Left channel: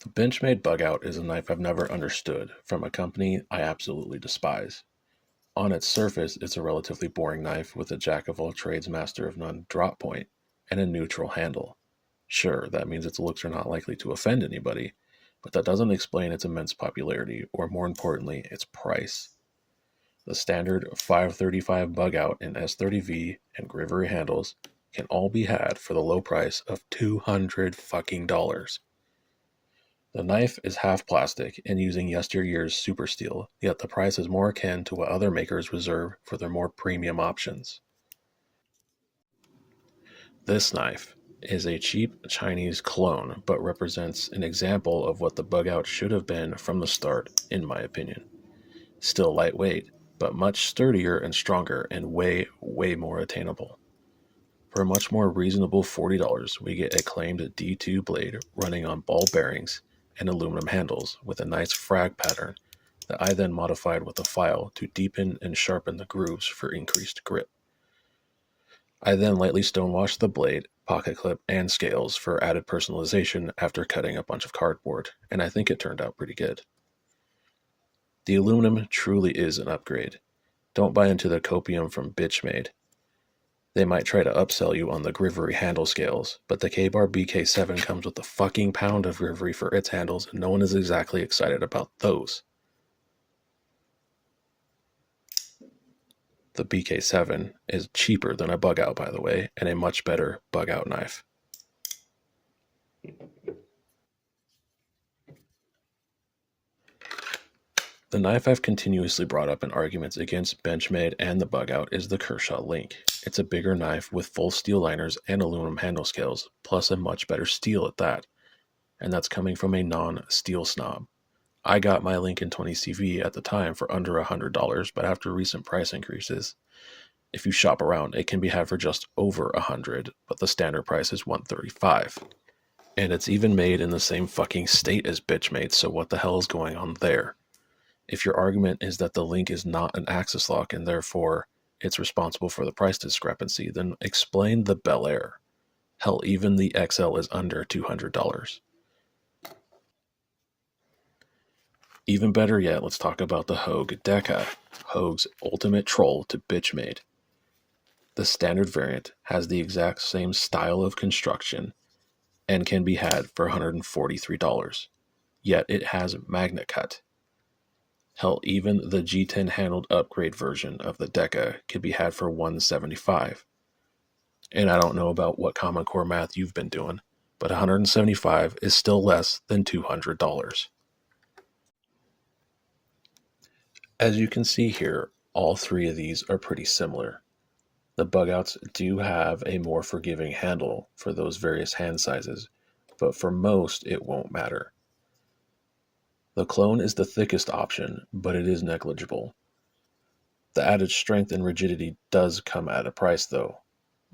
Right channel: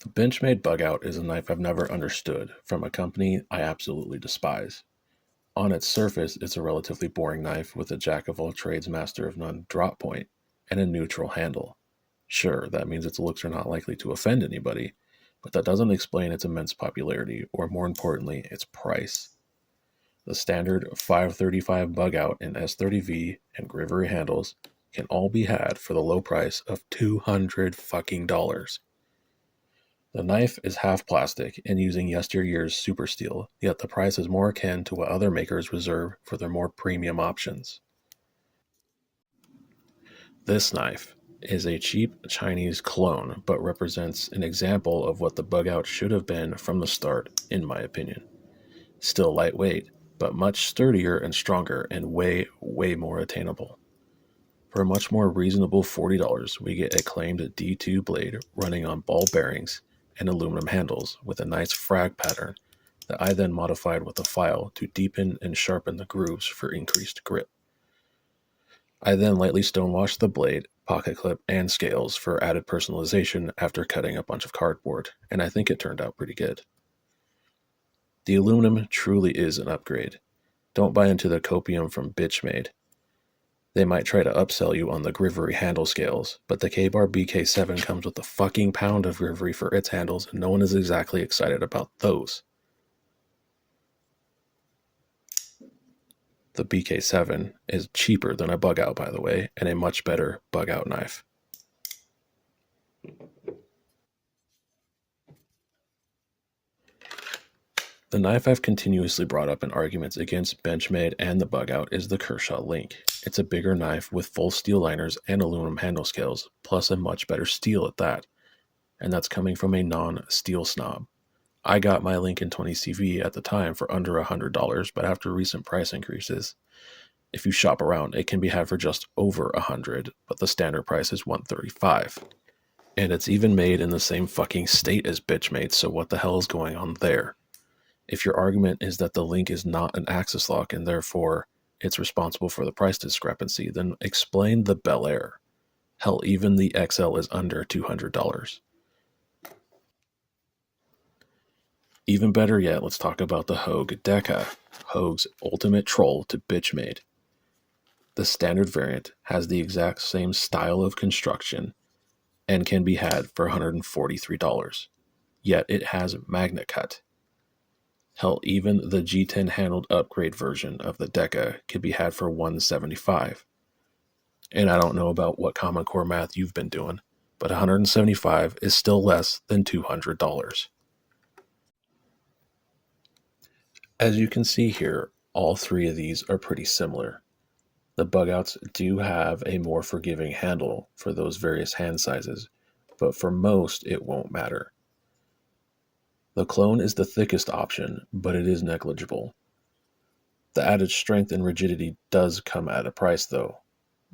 The Benchmade Bugout is a knife I've never understood from a company I absolutely despise. On its surface, it's a relatively boring knife with a jack of all trades, master of none drop point and a neutral handle. Sure, that means its looks are not likely to offend anybody, but that doesn't explain its immense popularity, or more importantly, its price. The standard 535 Bugout in S30V and Grivery handles can all be had for the low price of $200 fucking dollars. The knife is half plastic and using yesteryear's super steel, yet the price is more akin to what other makers reserve for their more premium options. This knife is a cheap Chinese clone, but represents an example of what the Bugout should have been from the start, in my opinion. Still lightweight, but much sturdier and stronger and way, way more attainable. For a much more reasonable $40, we get a claimed D2 blade running on ball bearings and aluminum handles with a nice frag pattern that I then modified with a file to deepen and sharpen the grooves for increased grip. I then lightly stonewashed the blade, pocket clip, and scales for added personalization after cutting a bunch of cardboard, and I think it turned out pretty good. The aluminum truly is an upgrade. Don't buy into the copium from Benchmade. They might try to upsell you on the Grivery handle scales, but the K-Bar BK7 comes with a fucking pound of Grivery for its handles, and no one is exactly excited about those. The BK7 is cheaper than a Bugout, by the way, and a much better Bugout knife. The knife I've continuously brought up in arguments against Benchmade and the Bugout is the Kershaw Link. It's a bigger knife with full steel liners and aluminum handle scales, plus a much better steel at that. And that's coming from a non-steel snob. I got my Lincoln 20CV at the time for under $100, but after recent price increases, if you shop around, it can be had for just over $100, but the standard price is $135. And it's even made in the same fucking state as Benchmade, so what the hell is going on there? If your argument is that the Link is not an axis lock and therefore it's responsible for the price discrepancy, then explain the Bel Air. Hell, even the XL is under $200. Even better yet, let's talk about the Hogue Deca, Hogue's ultimate troll to Benchmade. The standard variant has the exact same style of construction and can be had for $143, yet it has magnet cut. Hell, even the G10 handled upgrade version of the Deca could be had for $175. And I don't know about what Common Core math you've been doing, but $175 is still less than $200. As you can see here, all three of these are pretty similar. The Bugouts do have a more forgiving handle for those various hand sizes, but for most it won't matter. The clone is the thickest option, but it is negligible. The added strength and rigidity does come at a price though.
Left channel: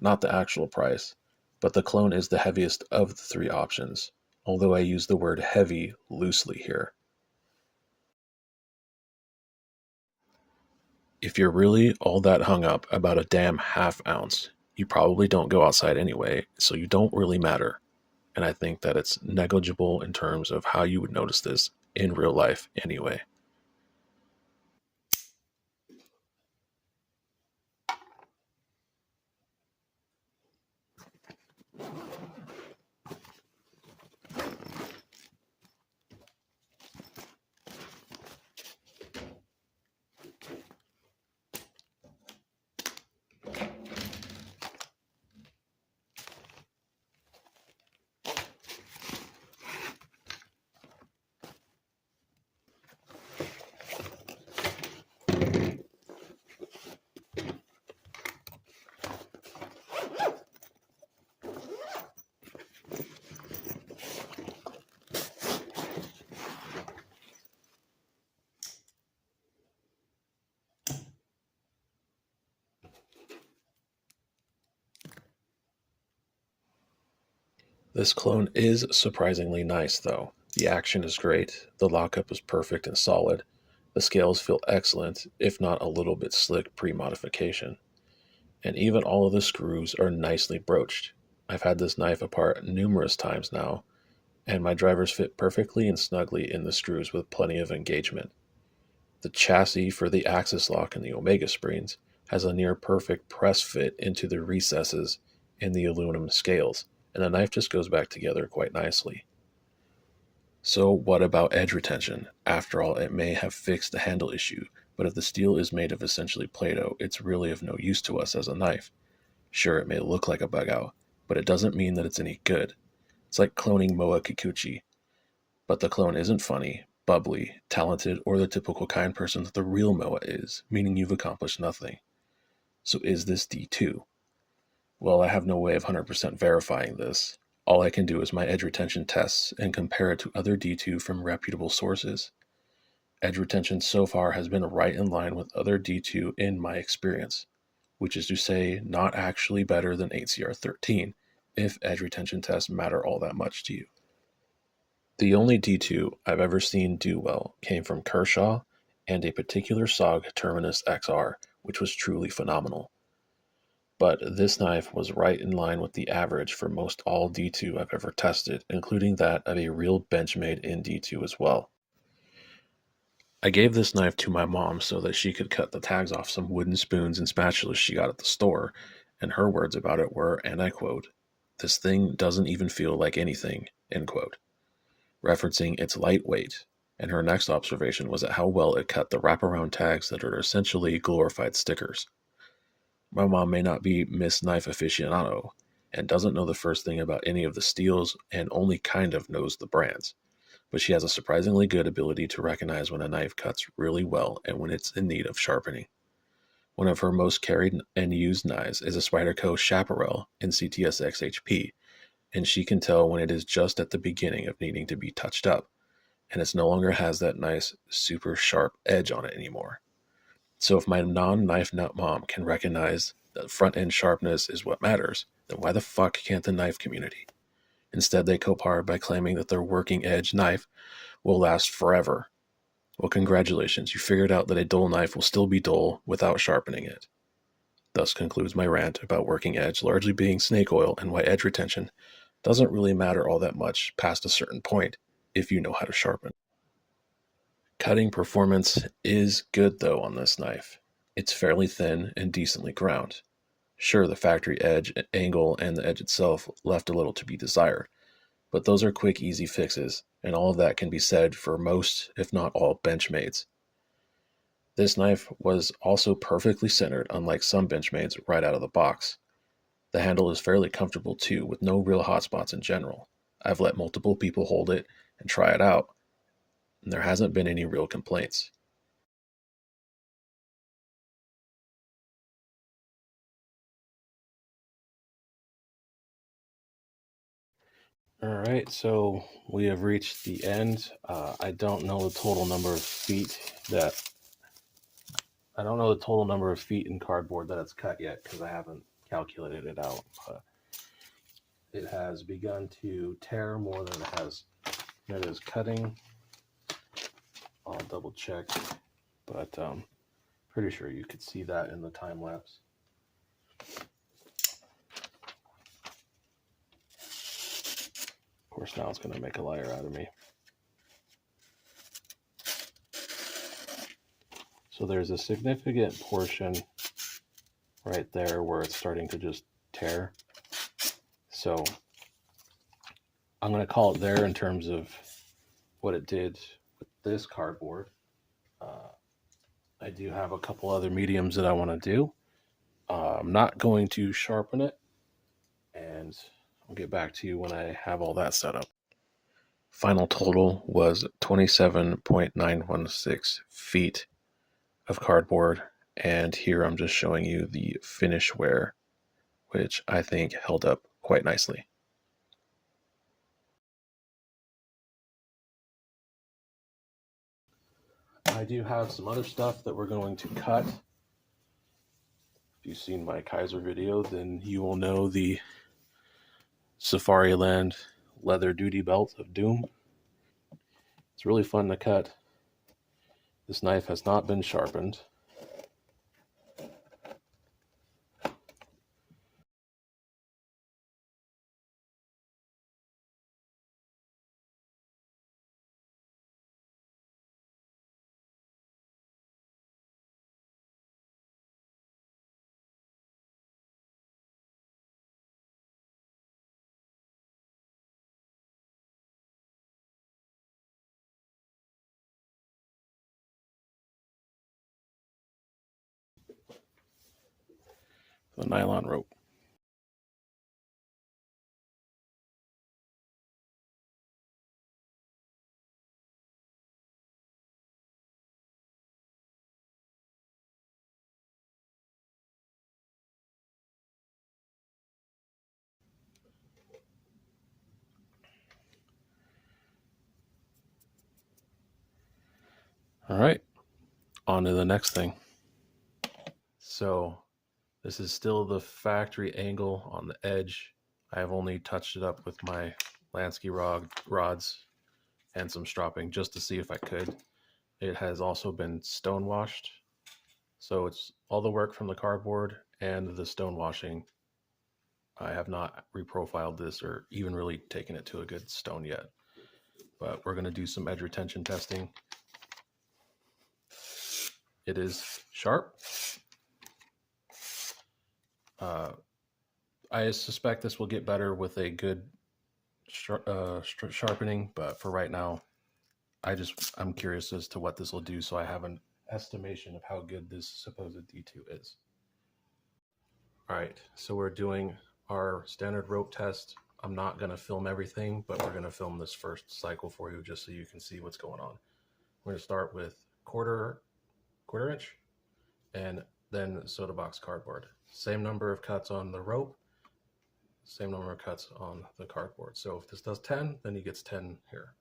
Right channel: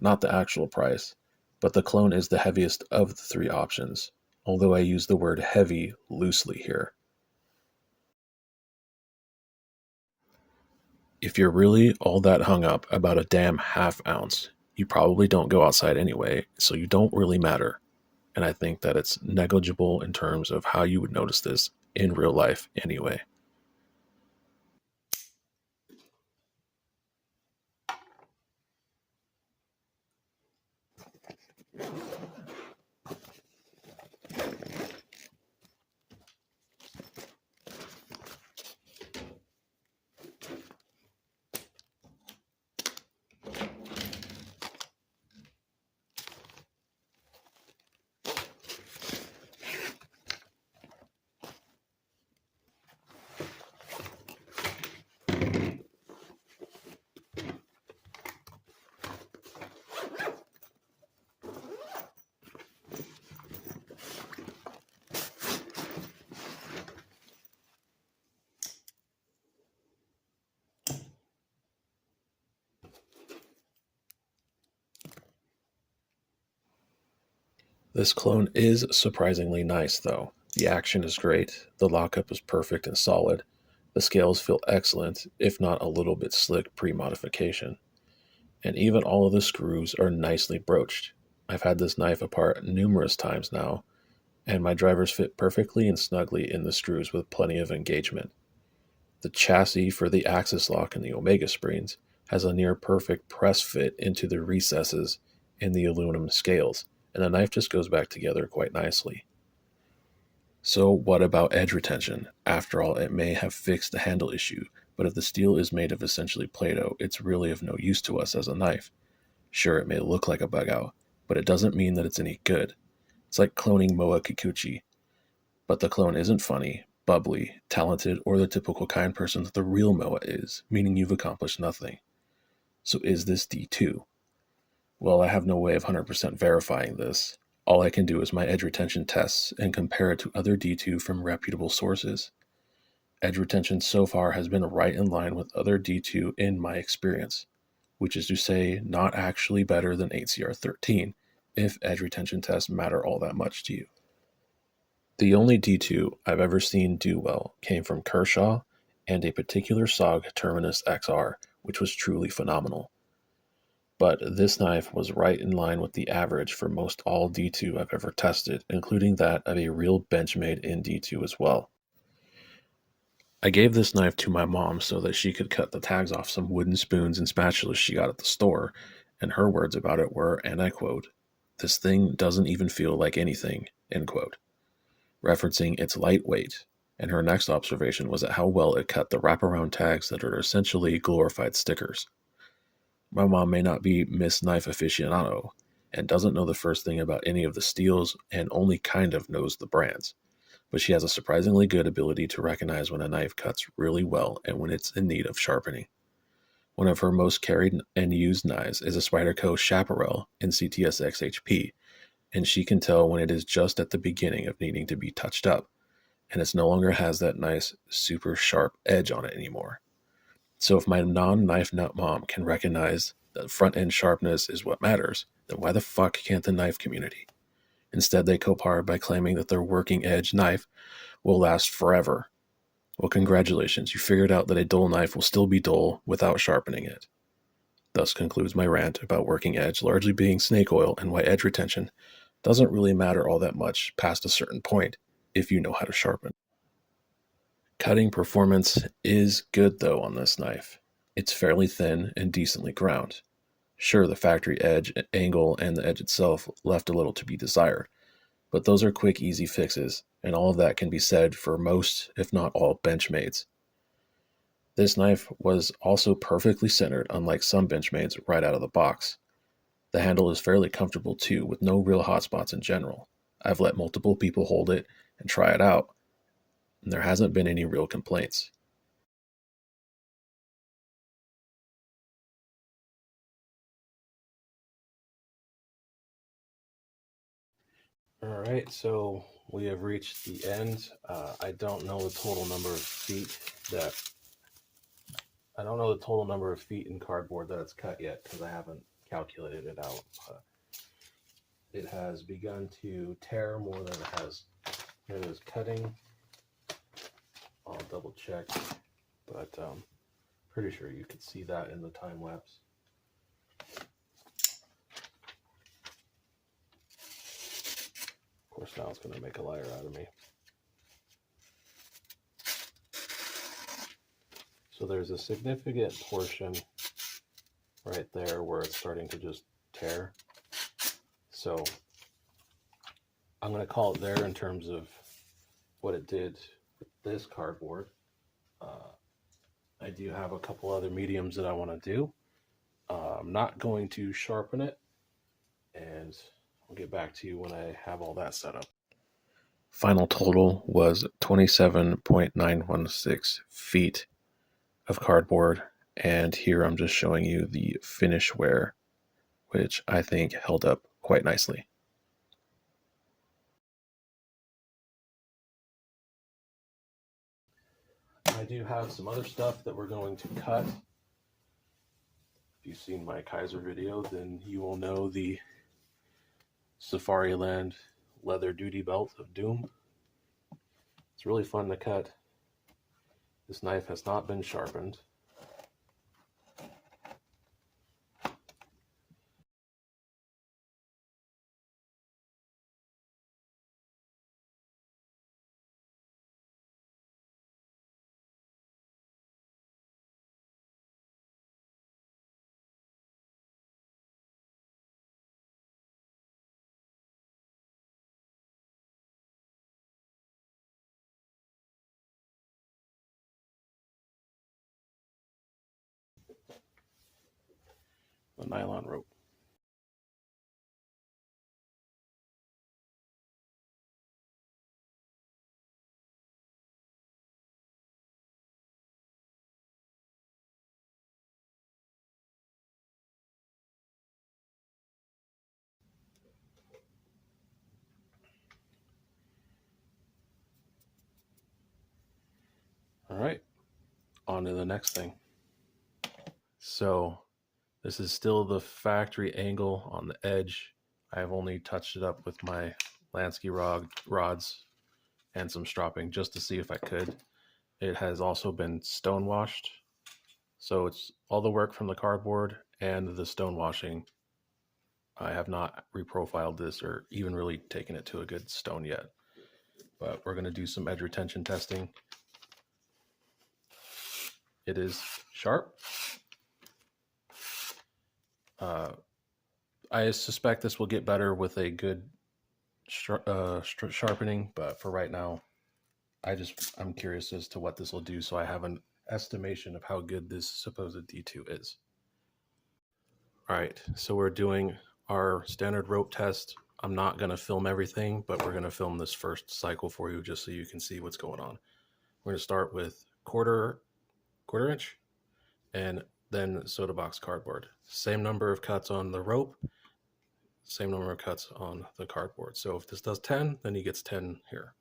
Not the actual price, but the clone is the heaviest of the three options, although I use the word heavy loosely here. If you're really all that hung up about a damn half ounce, you probably don't go outside anyway, so you don't really matter. And I think that it's negligible in terms of how you would notice this in real life anyway. This clone is surprisingly nice though. The action is great, the lockup is perfect and solid, the scales feel excellent, if not a little bit slick pre-modification, and even all of the screws are nicely broached. I've had this knife apart numerous times now, and my drivers fit perfectly and snugly in the screws with plenty of engagement. The chassis for the axis lock and the Omega springs has a near perfect press fit into the recesses in the aluminum scales, and the knife just goes back together quite nicely. So, what about edge retention? After all, it may have fixed the handle issue, but if the steel is made of essentially Play-Doh, it's really of no use to us as a knife. Sure, it may look like a Bugout, but it doesn't mean that it's any good. It's like cloning Moa Kikuchi, but the clone isn't funny, bubbly, talented, or the typical kind person that the real Moa is, meaning you've accomplished nothing. So is this D2? Well, I have no way of 100% verifying this. All I can do is my edge retention tests and compare it to other D2 from reputable sources. Edge retention so far has been right in line with other D2 in my experience, which is to say, not actually better than 8CR13, if edge retention tests matter all that much to you. The only D2 I've ever seen do well came from Kershaw and a particular SOG Terminus XR, which was truly phenomenal. But this knife was right in line with the average for most all D2 I've ever tested, including that of a real Benchmade in D2 as well. I gave this knife to my mom so that she could cut the tags off some wooden spoons and spatulas she got at the store, and her words about it were, and I quote, "This thing doesn't even feel like anything," end quote, referencing its lightweight, and her next observation was at how well it cut the wraparound tags that are essentially glorified stickers. My mom may not be Miss Knife Aficionado and doesn't know the first thing about any of the steels and only kind of knows the brands, but she has a surprisingly good ability to recognize when a knife cuts really well and when it's in need of sharpening. One of her most carried and used knives is a Spyderco Chaparral in CTSX HP, and she can tell when it is just at the beginning of needing to be touched up, and it no longer has that nice, super sharp edge on it anymore. So if my non-knife nut mom can recognize that front-end sharpness is what matters, then why the fuck can't the knife community? Instead, they cope hard by claiming that their working edge knife will last forever. Well, congratulations, you figured out that a dull knife will still be dull without sharpening it. Thus concludes my rant about working edge largely being snake oil and why edge retention doesn't really matter all that much past a certain point if you know how to sharpen. Cutting performance is good though on this knife. It's fairly thin and decently ground. Sure, the factory edge, angle, and the edge itself left a little to be desired, but those are quick, easy fixes, and all of that can be said for most, if not all, Benchmades. This knife was also perfectly centered, unlike some Benchmades right out of the box. The handle is fairly comfortable too, with no real hot spots in general. I've let multiple people hold it and try it out, and there hasn't been any real complaints. All right, so we have reached the end. I don't know the total number of feet in cardboard that it's cut yet because I haven't calculated it out. But it has begun to tear more than it is cutting. I'll double check, but pretty sure you could see that in the time lapse. Of course, now it's going to make a liar out of me. So there's a significant portion right there where it's starting to just tear. So I'm going to call it there in terms of what it did with this cardboard. I do have a couple other mediums that I want to do. I'm not going to sharpen it, and I'll get back to you when I have all that set up. Final total was 27.916 feet of cardboard, and here I'm just showing you the finish wear, which I think held up quite nicely. I do have some other stuff that we're going to cut. If you've seen my Kaiser video, then you will know the Safariland leather duty belt of doom. It's really fun to cut. This knife has not been sharpened. the nylon rope. All right, on to the next thing. So this is still the factory angle on the edge. I have only touched it up with my Lansky rods and some stropping just to see if I could. It has also been stone washed. So it's all the work from the cardboard and the stone washing. I have not reprofiled this or even really taken it to a good stone yet. But we're going to do some edge retention testing. It is sharp. I suspect this will get better with a good sharpening, but for right now, I'm curious as to what this will do, so I have an estimation of how good this supposed D2 is. All right, so we're doing our standard rope test. I'm not going to film everything, but we're going to film this first cycle for you just so you can see what's going on. We're going to start with quarter inch and then soda box cardboard. Same number of cuts on the rope, same number of cuts on the cardboard. So if this does 10, then he gets 10 here.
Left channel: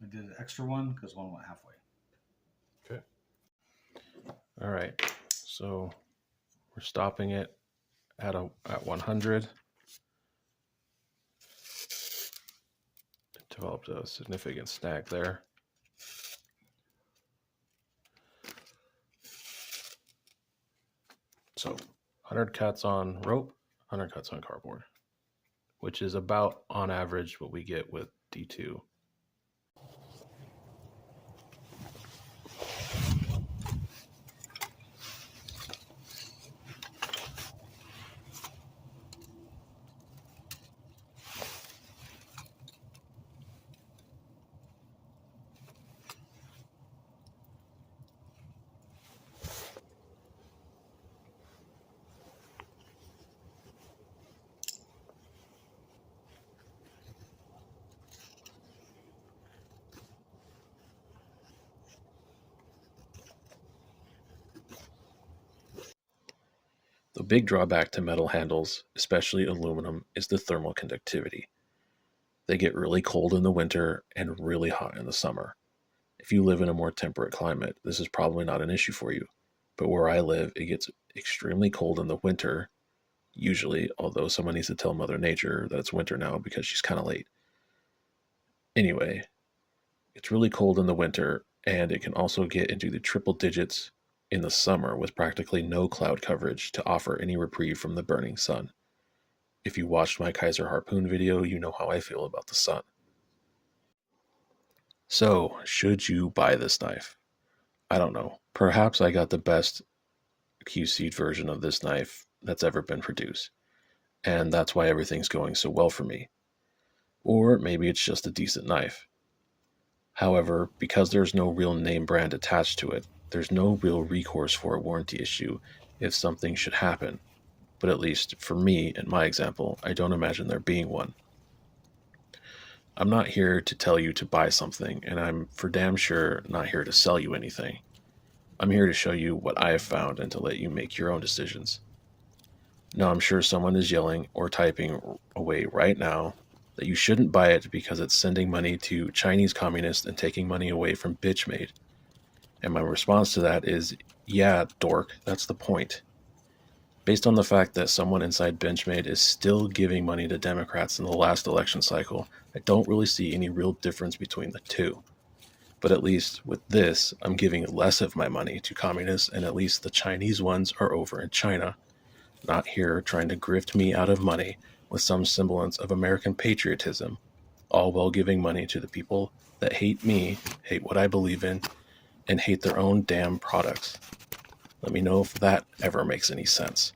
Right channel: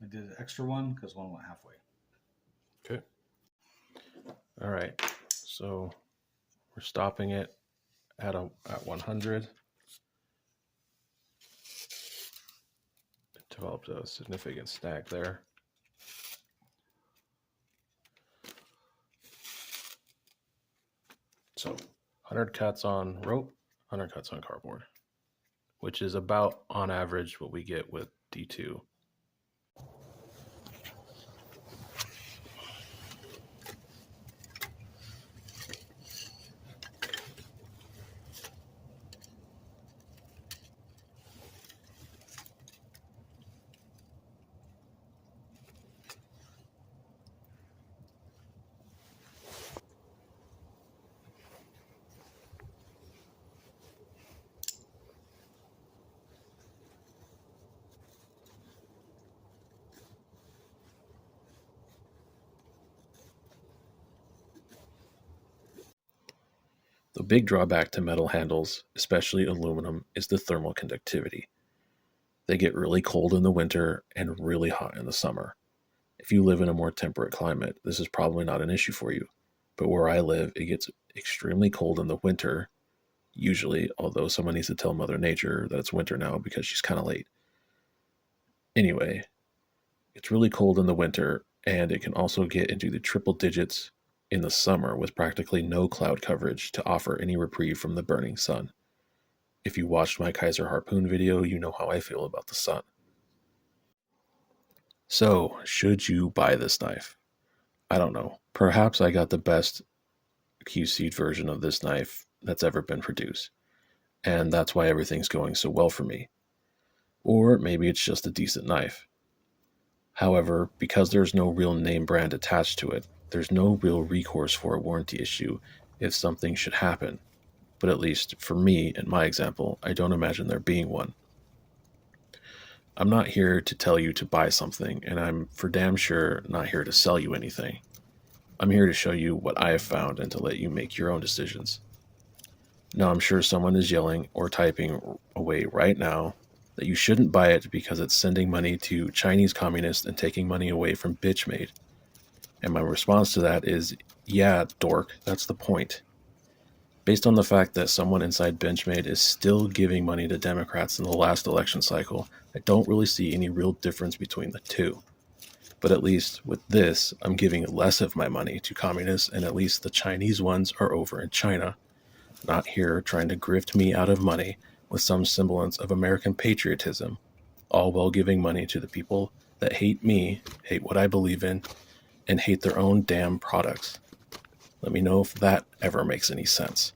I did an extra one because one went halfway. Okay. All right. So we're stopping it at 100. Developed a significant snag there. So 100 cuts on rope, 100 cuts on cardboard, which is about on average what we get with D2. The big drawback to metal handles, especially aluminum, is the thermal conductivity. They get really cold in the winter and really hot in the summer. If you live in a more temperate climate, this is probably not an issue for you. But where I live, it gets extremely cold in the winter, usually, although someone needs to tell Mother Nature that it's winter now because she's kind of late. Anyway, it's really cold in the winter, and it can also get into the triple digits in the summer with practically no cloud coverage to offer any reprieve from the burning sun. If you watched my Kaiser Harpoon video, you know how I feel about the sun. So, should you buy this knife? I don't know. Perhaps I got the best QC'd version of this knife that's ever been produced, and that's why everything's going so well for me. Or maybe it's just a decent knife. However, because there's no real name brand attached to it, there's no real recourse for a warranty issue if something should happen. But at least for me, in my example, I don't imagine there being one. I'm not here to tell you to buy something, and I'm for damn sure not here to sell you anything. I'm here to show you what I have found and to let you make your own decisions. Now, I'm sure someone is yelling or typing away right now that you shouldn't buy it because it's sending money to Chinese communists and taking money away from Benchmade. And my response to that is, yeah, dork, that's the point. Based on the fact that someone inside Benchmade is still giving money to Democrats in the last election cycle I don't really see any real difference between the two. But at least with this, I'm giving less of my money to communists, and at least the Chinese ones are over in China, not here trying to grift me out of money with some semblance of American patriotism, all while giving money to the people that hate me, hate what I believe in, and hate their own damn products. Let me know if that ever makes any sense.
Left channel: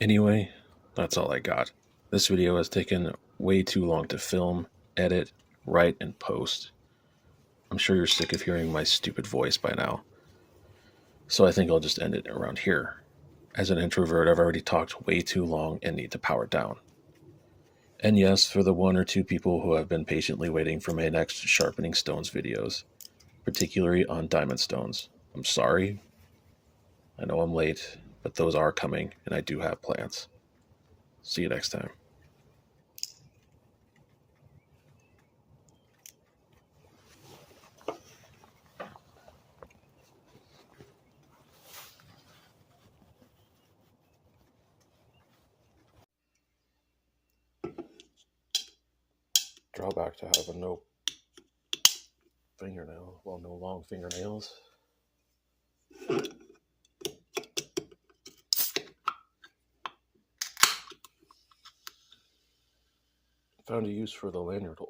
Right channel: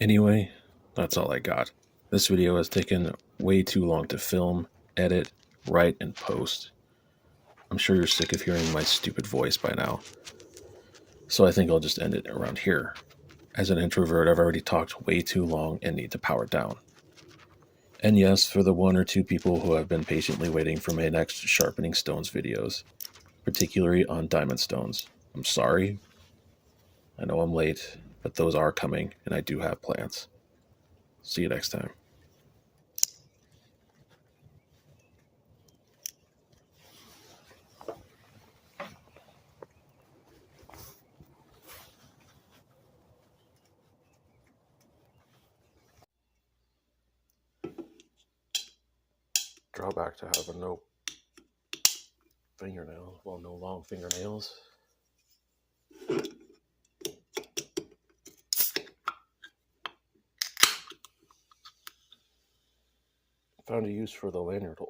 Anyway, that's all I got. This video has taken way too long to film, edit, write, and post. I'm sure you're sick of hearing my stupid voice by now. So I think I'll just end it around here. As an introvert, I've already talked way too long and need to power down. And yes, for the 1 or 2 people who have been patiently waiting for my next Sharpening Stones videos, particularly on diamond stones, I'm sorry. I know I'm late, but those are coming, and I do have plans. See you next time. Drawback to having no fingernails, well, no long fingernails. Found a use for the lanyard holder.